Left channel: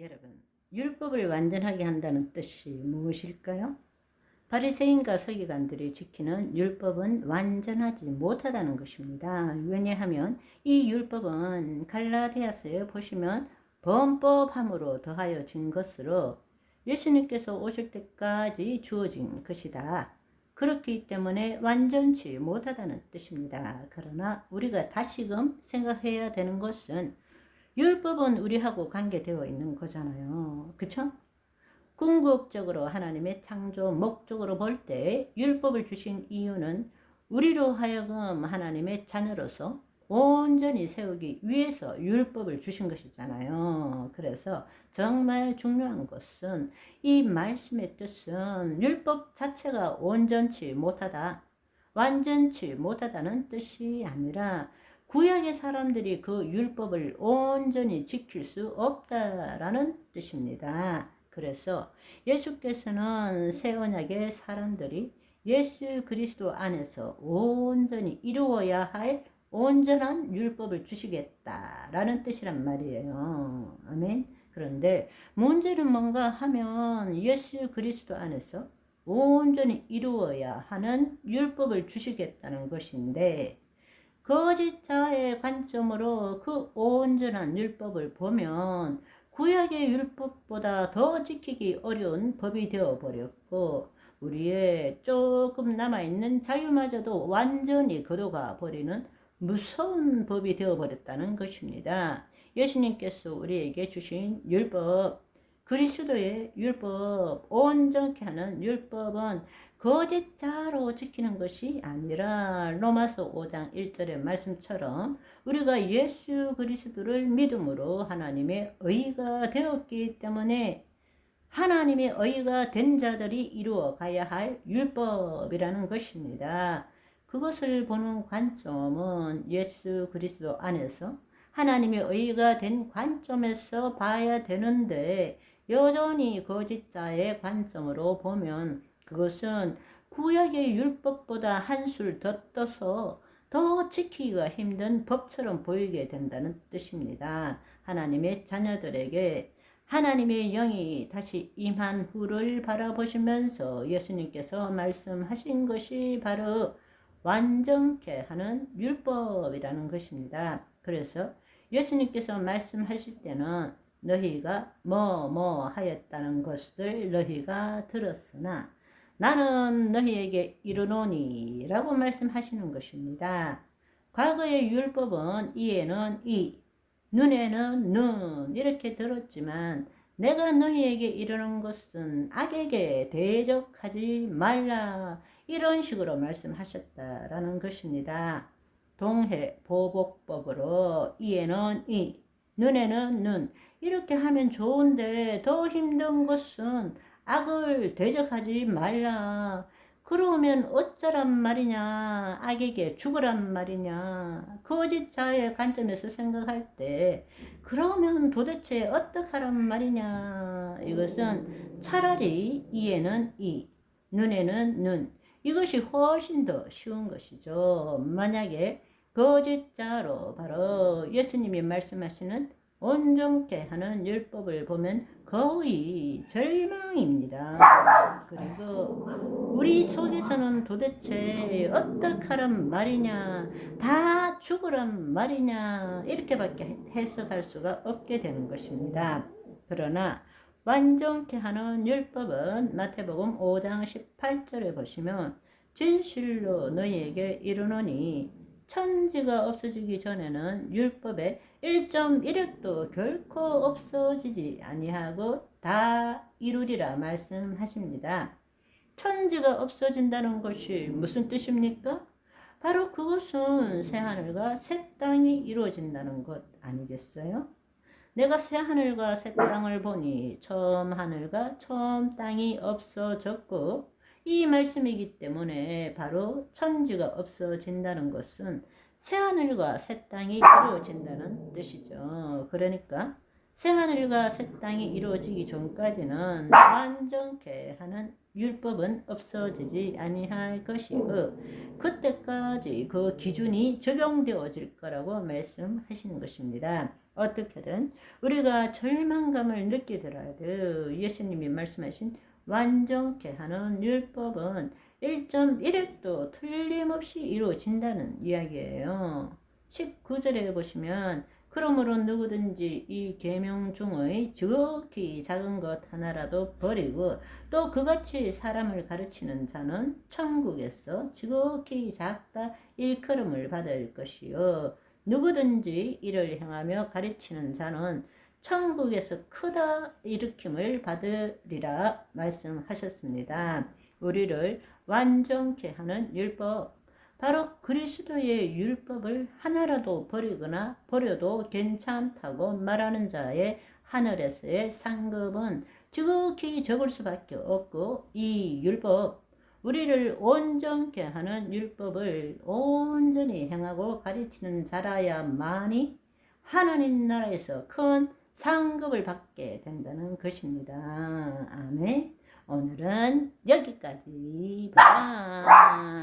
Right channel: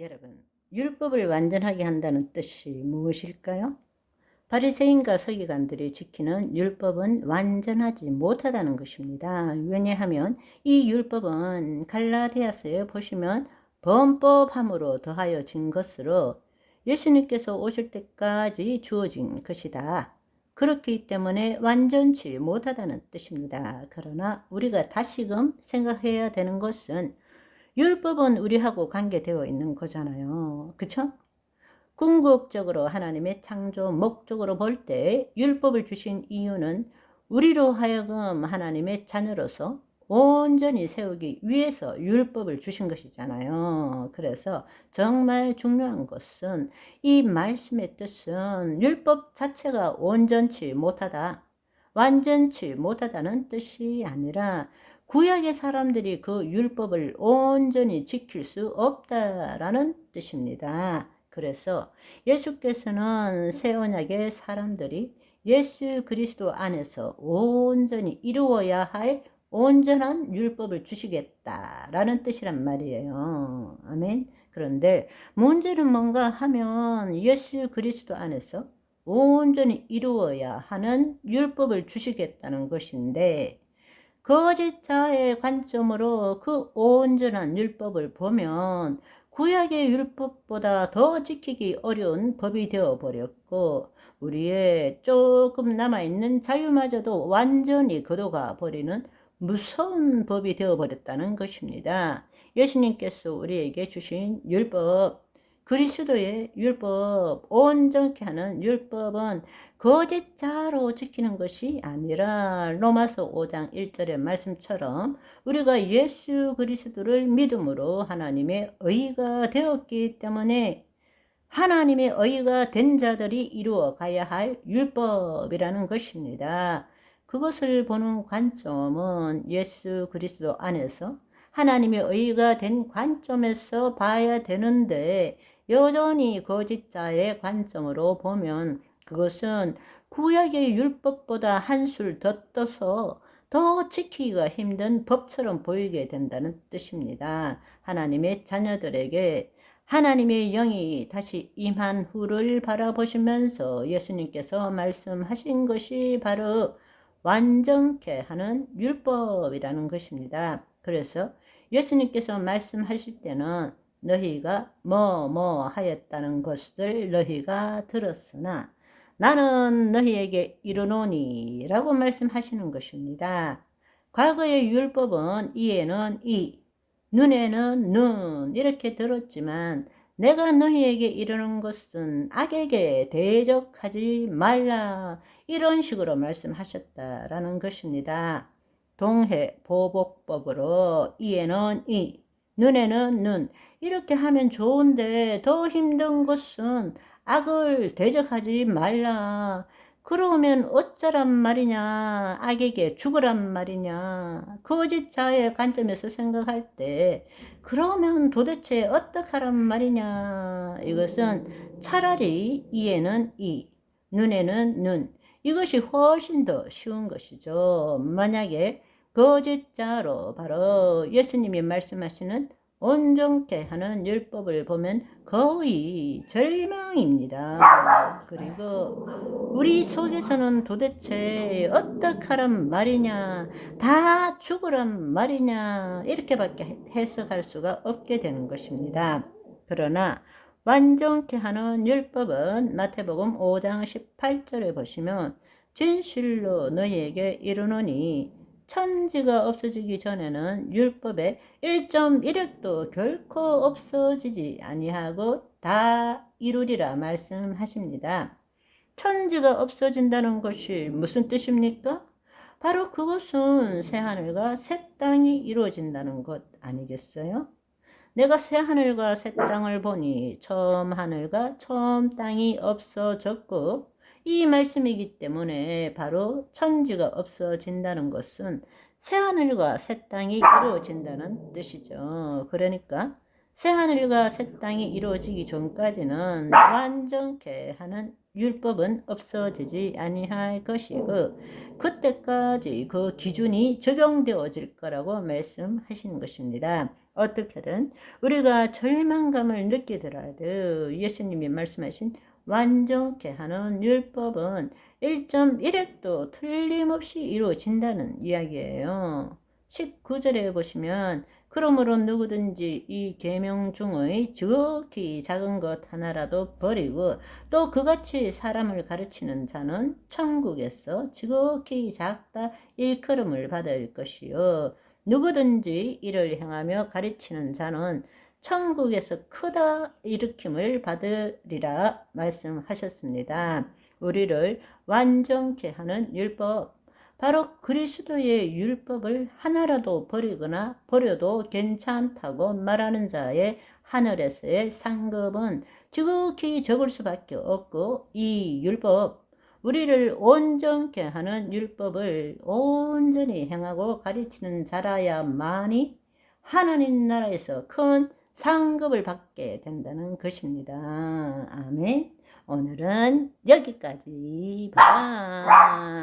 여러분, 율법을 완전하게 한다는 뜻이 무엇일까요? 바리새인과 서기관들이 지키는 율법은 완전하지 못하다는 것입니다. 왜냐하면 이 율법은 갈라디아서에 보시면 범법함으로 더하여진 것으로 예수님께서 오실 때까지 주어진 것이다. 그렇기 때문에 완전치 못하다는 뜻입니다. 그러나 우리가 다시금 생각해야 되는 것은 율법은 우리하고 관계되어 있는 거잖아요. 그쵸? 궁극적으로 하나님의 창조 목적으로 볼 때 율법을 주신 이유는 우리로 하여금 하나님의 자녀로서 온전히 세우기 위해서 율법을 주신 것이잖아요. 그래서 정말 중요한 것은 이 말씀의 뜻은 율법 자체가 온전치 못하다, 완전치 못하다는 뜻이 아니라 구약의 사람들이 그 율법을 온전히 지킬 수 없다라는 뜻입니다. 그래서 예수께서는 새 언약의 사람들이 예수 그리스도 안에서 온전히 이루어야 할 온전한 율법을 주시겠다라는 뜻이란 말이에요. 아멘. 그런데 문제는 뭔가 하면 예수 그리스도 안에서 온전히 이루어야 하는 율법을 주시겠다는 것인데, 거짓자의 관점으로 그 온전한 율법을 보면 구약의 율법보다 더 지키기 어려운 법이 되어버렸고, 우리의 조금 남아있는 자유마저도 완전히 걷어가 버리는 무서운 법이 되어버렸다는 것입니다. 예수님께서 우리에게 주신 율법, 그리스도의 율법, 온전케 하는 율법은 거짓자로 지키는 것이 아니라 로마서 5장 1절의 말씀처럼 우리가 예수 그리스도를 믿음으로 하나님의 의가 되었기 때문에 하나님의 의가 된 자들이 이루어 가야 할 율법이라는 것입니다. 그것을 보는 관점은 예수 그리스도 안에서 하나님의 의가 된 관점에서 봐야 되는데, 여전히 거짓자의 관점으로 보면 그것은 구약의 율법보다 한술 더 떠서 더 지키기가 힘든 법처럼 보이게 된다는 뜻입니다. 하나님의 자녀들에게 하나님의 영이 다시 임한 후를 바라보시면서 예수님께서 말씀하신 것이 바로 완전케 하는 율법이라는 것입니다. 그래서 예수님께서 말씀하실 때는 너희가 뭐 하였다는 것을 너희가 들었으나 나는 너희에게 이르노니 라고 말씀하시는 것입니다. 과거의 율법은 이에는 이, 눈에는 눈 이렇게 들었지만 내가 너희에게 이르는 것은 악에게 대적하지 말라, 이런 식으로 말씀하셨다라는 것입니다. 동해 보복법으로 이에는 이, 눈에는 눈 이렇게 하면 좋은데, 더 힘든 것은 악을 대적하지 말라. 그러면 어쩌란 말이냐, 악에게 죽으란 말이냐. 거짓자의 관점에서 생각할 때 그러면 도대체 어떡하란 말이냐. 이것은 차라리 이에는 이, 눈에는 눈, 이것이 훨씬 더 쉬운 것이죠. 만약에 거짓자로 바로 예수님이 말씀하시는 온전케 하는 율법을 보면 거의 절망입니다. 그리고 우리 속에서는 도대체 어떡하란 말이냐, 다 죽으란 말이냐, 이렇게밖에 해석할 수가 없게 되는 것입니다. 그러나 완전케 하는 율법은 마태복음 5장 18절에 보시면 진실로 너희에게 이르노니 천지가 없어지기 전에는 율법의 1.1획도 결코 없어지지 아니하고 다 이루리라 말씀하십니다. 천지가 없어진다는 것이 무슨 뜻입니까? 바로 그것은 새하늘과 새 땅이 이루어진다는 것 아니겠어요? 내가 새하늘과 새 땅을 보니 처음 하늘과 처음 땅이 없어졌고, 이 말씀이기 때문에 바로 천지가 없어진다는 것은 새하늘과 새 땅이 이루어진다는 뜻이죠. 그러니까 새하늘과 새 땅이 이루어지기 전까지는 완전케 하는 율법은 없어지지 아니할 것이고, 그때까지 그 기준이 적용되어질 거라고 말씀하시는 것입니다. 어떻게든 우리가 절망감을 느끼더라도 예수님이 말씀하신 완전케 하는 율법은 1.1획도 틀림없이 이루어진다는 이야기예요. 19절에 보시면 그러므로 누구든지 이 계명 중의 지극히 작은 것 하나라도 버리고 또 그같이 사람을 가르치는 자는 천국에서 지극히 작다 일컬음을 받을 것이요 누구든지 이를 행하며 가르치는 자는 천국에서 크다 일으킴을 받으리라 말씀하셨습니다. 우리를 완전케 하는 율법, 바로 그리스도의 율법을 하나라도 버리거나 버려도 괜찮다고 말하는 자의 하늘에서의 상급은 지극히 적을 수밖에 없고, 이 율법, 우리를 온전케 하는 율법을 온전히 행하고 가르치는 자라야만이 하나님 나라에서 큰 상급을 받게 된다는 것입니다. 아멘. 오늘은 여기까지. 바이.